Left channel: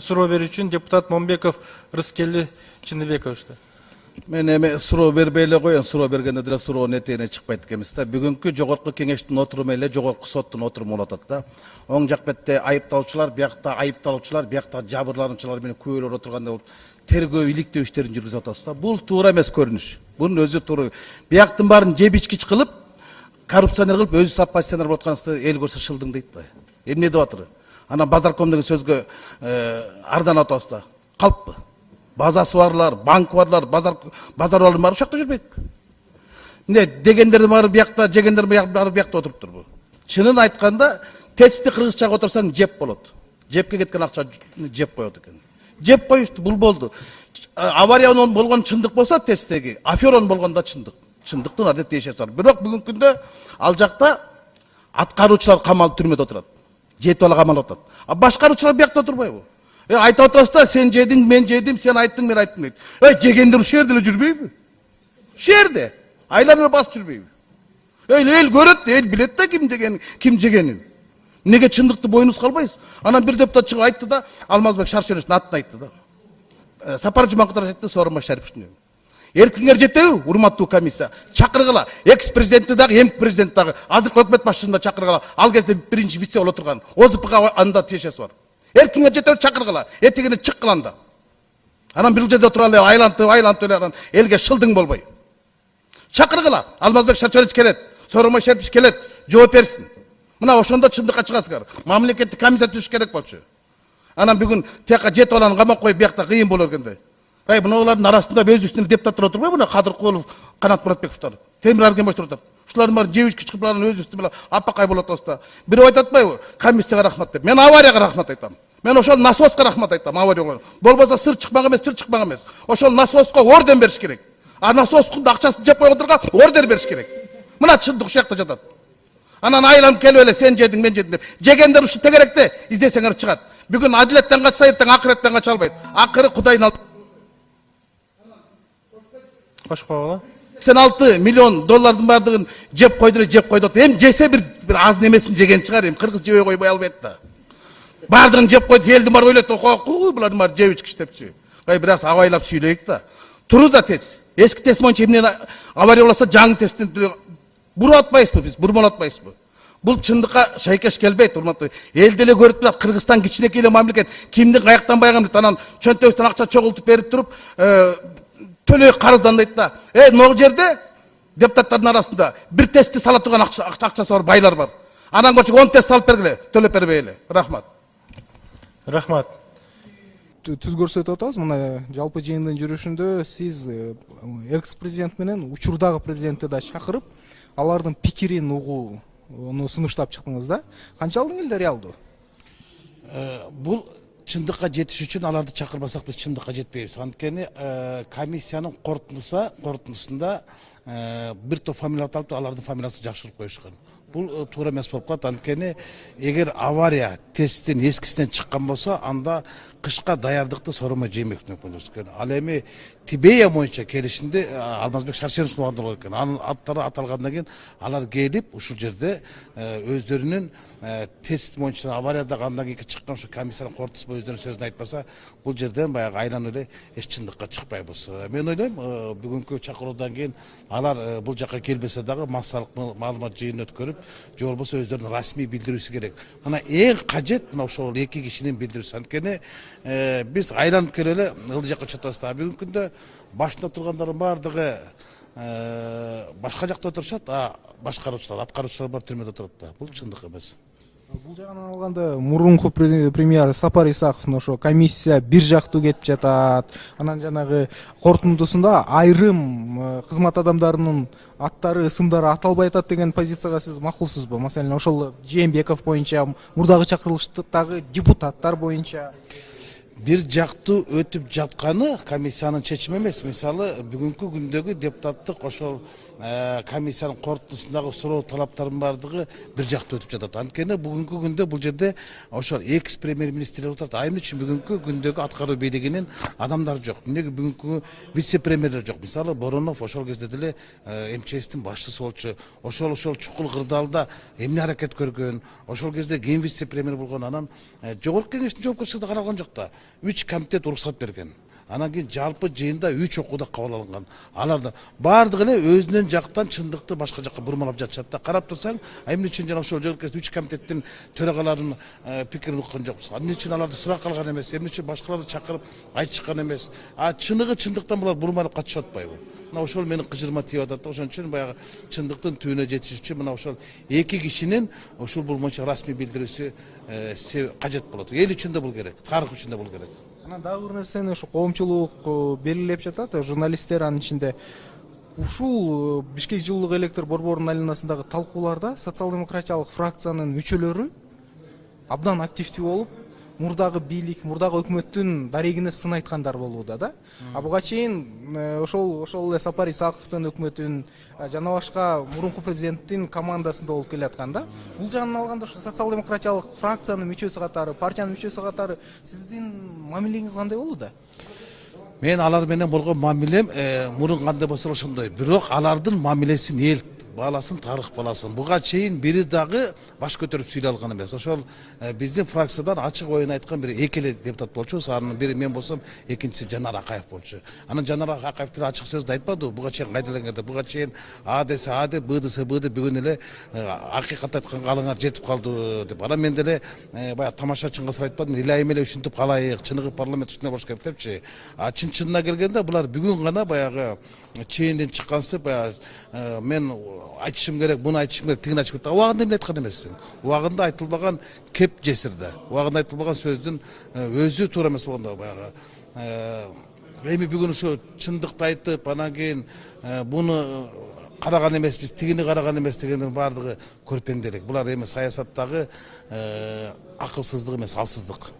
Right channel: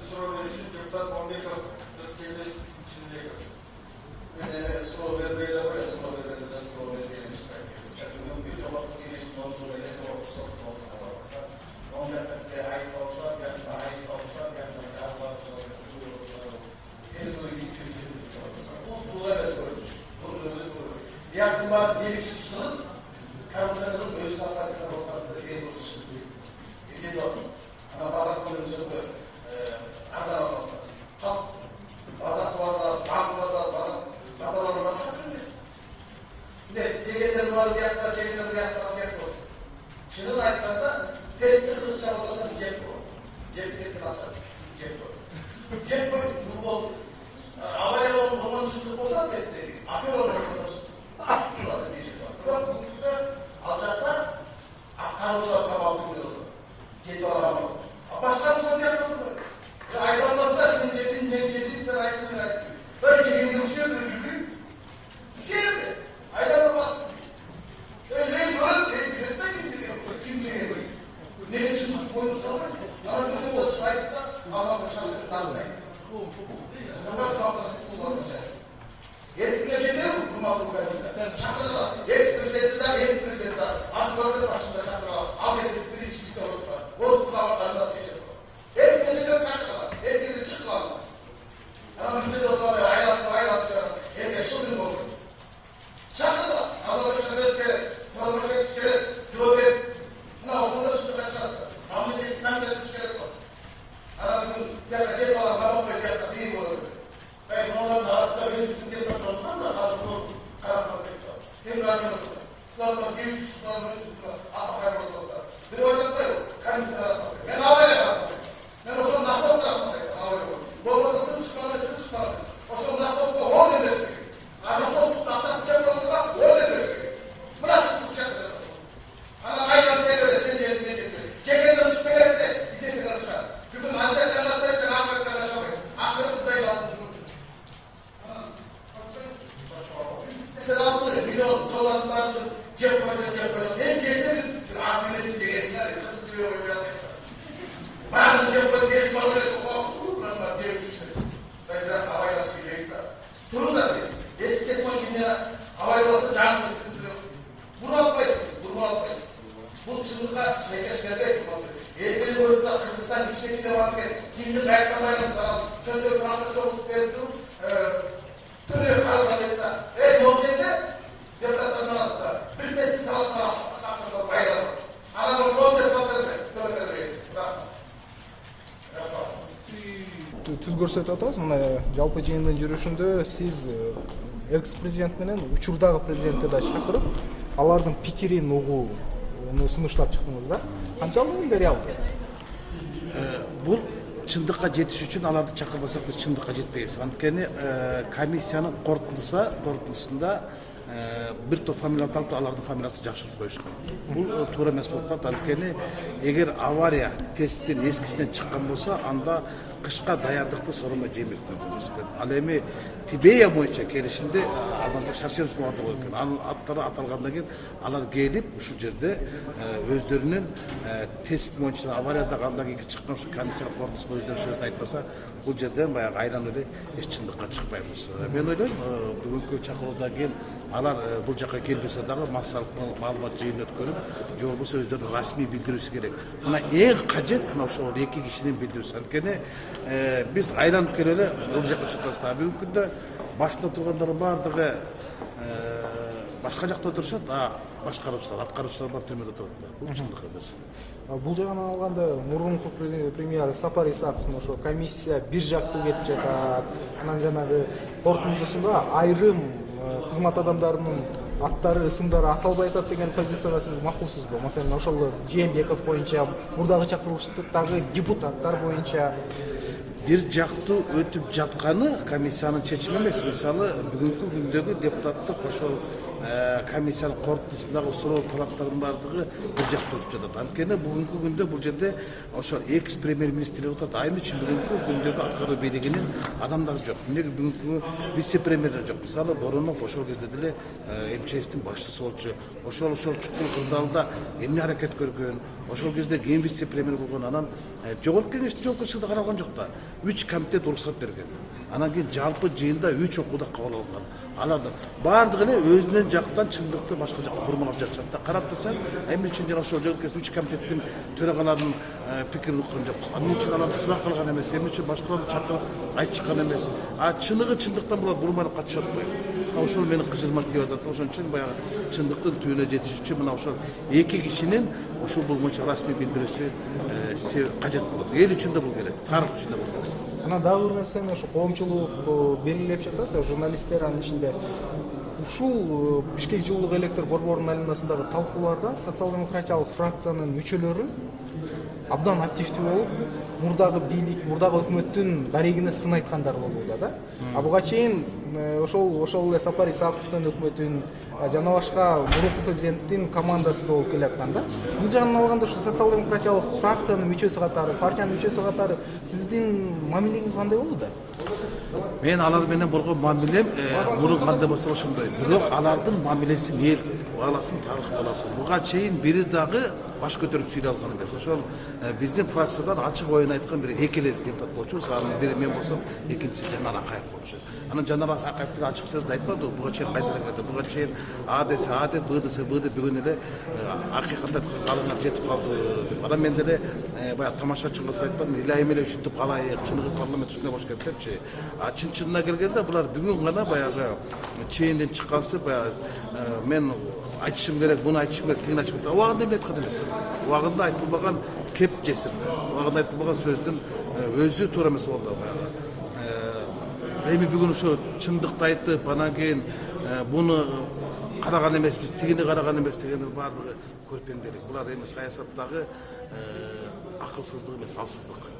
суроо берүү үчүн депутат Момбеков Рыскелди Чындыбекович. Мен эми суроо бербей эле коеюн, суроо бергенде деле суроонун этегине чыкпайт экенбиз да. Бүгүнкү жогорку кеңештин отуруму эле жогорку соттун отуруму болуп атат да. Оң жак бетте айыпталуучулар, биякта айыпталуучулар, биякта жабырлануучулар менен күбөлөр отурганда тергөө иликтөө иштерин жүргүзүп атабыз да. Бул туура эмес көрүнүш. Бунун өзү туура. Бияктын баарын жебичкич кылып, коррупционер кылып, өзү оппозиционер болуп атканыбызды эл көрсө шылдың дейт да. Эмне деп атыр? Анан базарком деген сөзгө арданып атабыз да. Калппы. Базасы барлар, банк барлар, базар барлар ушул жакта жүрбөйт. Эмне дегендердин баары биякта, жегендердин баары биякта отуруп турбу. Чынын айтканда, тести кыргызчага отурсаң жеп болот. Жепке кеткен акча жеп коет экен. Жеп коюшту, бул болду. Авариядан болгон чындык болсо тесттеги, аферон болгондо чындык. Чындыктын арды тиешеси бар. Бирок бүгүнкү күндө ал жакта аткаруучулар камалып түрмөдө отурат. Жетип ала камалып атат. А башкаруучулар биякта отурбайбы? Айтып атабыз да, сен жедиң, мен жедим, сен айттың, мен айттым дейт. Жегендер ушул жерде эле жүрбөйбү? Ушул жерде. Айланып басып жүрбөйбү? Эл көрөт, эл билет да ким жегенин. Неге чындыкты бойнуз калбайсыз? Анан бир депутат чыгып айтты да, Алмазбек Шаршеновичтин атын айтты да. Сапар Жумакутов айтты, Сооронбай Шариповичтин. Эркиңер жетеби, урматтуу комиссия? Чакыргыла. Экс-президентти дагы, эмки президент дагы, азыркы өкмөт башчысын да чакыргыла. Ал кезде биринчи вице болуп турган. ОЗПга анда тиешеси бар. Эркиңер жетеби, чакыргыла. Этигине чык кыланда. Анан бир жерде отура эле айлантып эле элге шылдың болбой. Чакыргыла. Алмазбек Шаршенович келет, Сооронбай Шарипович келет, жооп берсин. Мына ошондо чындыкка чыгасыздар. Мамлекеттик комиссия түзүш керек болчу. Анан бүгүн тияка жетип аланы камап коюп биякта кыйын болот экенде. Мыналардын арасында өз үстүнө депутаттар отурбайбы? Мына Кадыркулов, Канат Муратбековдор, Темир Аргенбаевдор отуруп. Ушулардын баары жебички чыгып алып өз үстүнө апакай болот атабыз. Бирөө айтып атпайбы? Комиссияга рахмат деп. Мен аварияга рахмат айтам. Мен ошол насоска рахмат айтам, авария. Болбосо сыр чыкпак эмес. Ошол насоска орден бериш керек. А насоскун акчасын жеп коюп отурган орден бериш керек. Мына чындык ушул жакта жатат. Анан айланып келип эле сен жедиң, мен жедим деп. Жегендер ушу тегеректе издесеңер чыгат. Бүгүн адилеттен качса, эртең акыреттен кача албайт. Акыры Кудайдын алып 86 миллион доллардын бардыгын жеп койду. Эми жесе бир аз немесин жеген чыгар, эми кыргыз жебей койбой албайт да. Бардыгын жеп койду, элдин баары ойлойт, булардын баары жеп ичкич депчи. Бир аз абайлап сүйлөйүк да. Туру да тез. Эски тез боюнча эмне авария болсо жаңы тесттин буруп атпайсызбы биз, бурмалап атпайсызбы? Бул чындыкка шайкеш келбейт, урматтуу. Эл деле көрүп турат, Кыргызстан кичинекей эле мамлекет. Кимдин каяктан байган анан чөнтөбүздөн акча чогултуп берип туруп, төлөй карыздандайт да. Могу жерде депутаттардын арасында бир тестти сала турган акчасы бар байлар бар. Анан көчүп 10 тест салып бергиле, төлөп бербей эле. Рахмат. Рахмат. Түз көрсөтүп атабыз, мына жалпы жыйындын жүрүшүндө сиз экс-президент менен учурдагы президентти да чакырып, алардын пикирин угууну сунуштап чыктыңыз да. Канчалык эле реалдуу? Бул чындыкка жетиш үчүн аларды чакырбасак биз чындыкка жетпейбиз. Анткени комиссиянын корутундусунда бир топ фамилия алып, алардын фамилиясы жакшырып коюшкан. Бул туура эмес болуп калат. Анткени эгер авария тесттин эскисинен чыккан болсо, анда кышка даярдыкты Сооронбай Жээнбековдон көрүшкөн. Ал эми Тибея боюнча келишимде Алмазбек Шаршенович багындырган экен. Анын аттары аталгандан кийин алар келип ушул жерде өздөрүнүн тест боюнча авариядагы андан кийинки чыккан ошо комиссиянын корутуусу өздөрүнүн сөзүн айтпаса, бул жерден баягы айланып эле эч чындыкка чыкпайбыз. Мен ойлойм, бүгүнкү чакыруудан кийин алар бул жакка келбесе дагы массалык маалымат жыйынын өткөрүп, же болбосо өздөрүнүн расмий билдирүүсү керек. Мына эң кажет мына ошол эки кишинин билдирүүсү. Анткени биз айланып келип эле ылдый жакка чыктыбыз да. Бүгүнкү күндө башында тургандардын баардыгы башка жакта отурушат, а башкаруучулар, аткаруучулар бар түрмөдө отурат да. Бул чындык эмес. Бул жагынан алганда мурунку премьер Сапар Исаковдун ошо комиссия бир жактуу кетип жатат. Анан жанагы корутундусунда айрым кызмат адамдарынын аттары, ысымдары аталбай атат деген позицияга сиз макулсузбу? Маселен, ошол Жээнбеков боюнча, мурдагы чакырылыштагы депутаттар боюнча бир жактуу өтүп жатканы комиссиянын чечими эмес. Мисалы, бүгүнкү күндөгү депутаттык ошол комиссиянын корутундусундагы суроо талаптардын баардыгы бир жакта өтүп жатат. Анткени бүгүнкү күндө бул жерде ошол экс премьер министрлер отурат. Айым үчүн бүгүнкү күндөгү аткаруу бийлигинин адамдары жок. Эмнеге бүгүнкү вице премьерлер жок? Мисалы Боронов ошол кезде деле МЧСтин башчысы болчу. Ошол чукул кырдаалда эмне аракет көргөн? Ошол кезде кийин вице премьер болгон. Анан жогорку кеңештин жоопкерчилиги каралган жок да. 3 комитет уруксат берген. Анан кийин жалпы жыйында 3 окууда кабыл алынган. Алардын баардыгы эле өзүнүн жактан чындыкты башка жакка бурмалап жатышат да. Карап турсаң, эмне үчүн жана ошол жогорку 3 комитеттин төрагаларынын пикирин уккан жокпуз. Эмне үчүн аларды сурак кылган эмес, эмне үчүн башкаларды чакырып айтышкан эмес. Чыныгы чындыктан булар бурмалап катышып атпайбы? Мына ошол менин кыжырма тийип атат. Ошон үчүн баягы чындыктын түбүнө жетиш үчүн мына ошол эки кишинин ушул болгончо расмий билдирүүсү кажет болот. Эл үчүн да бул керек, тарых үчүн да бул керек. Анан дагы бир нерсени ушу коомчулук белгилеп жатат, журналисттер анын ичинде. Ушул Бишкек жылуулук электр борборунун айланасындагы талкууларда социал-демократиялык фракциянын мүчөлөрү абдан активдүү болуп, мурдагы бийлик, мурдагы өкмөттүн дарегине сын айткандар болууда да. Буга чейин ошол эле Сапар Исаковдун өкмөтүн жана башка мурунку президенттин командасында болуп келаткан да. Бул жагынан алганда ушу социал-демократиялык фракциянын мүчөсү катары, партиянын мүчөсү катары сиздин мамилеңиз кандай болууда? Мен алар менен болгон мамилем мурун кандай болсо ошондой. Бирок алардын мамилесин эл бааласын, тарых бааласын. Буга чейин бири дагы баш көтөрүп сүйлөй алган эмес. Ошол биздин фракциядан ачык оюн айткан бир эки эле депутат болчу. Анын бири мен болсом, экинчиси Жанар Акаев болчу. Анан Жанар Акаевдин ачык сөздү айтпады. Буга чейин кайдаланганда, буга чейин А десе А деп, Б десе Б деп бүгүн эле акыйкатты айтканга алыңар жетип калды деп. Анан мен деле баягы тамашачынга сыр айтпадым. Илайым эле ушинтип калайык, чыныгы парламент ушундай болуш керек депчи. Чын-чынына келгенде булар бүгүн гана баягы чейинден чыккансып баягы мен айтышым керек, буну айтышым керек, тигин айтышым керек. Убагында эмне айткан эмес. Убагында айтылбаган кеп жесирде. Убагында айтылбаган сөздүн өзү туура эмес болгондо баягы. Эми бүгүн ушу чындыкты айтып, анан кийин буну караган эмеспиз, тигини караган эмес дегендин баардыгы көрпенделик. Булар эми саясаттагы акылсыздык эмес, алсыздык.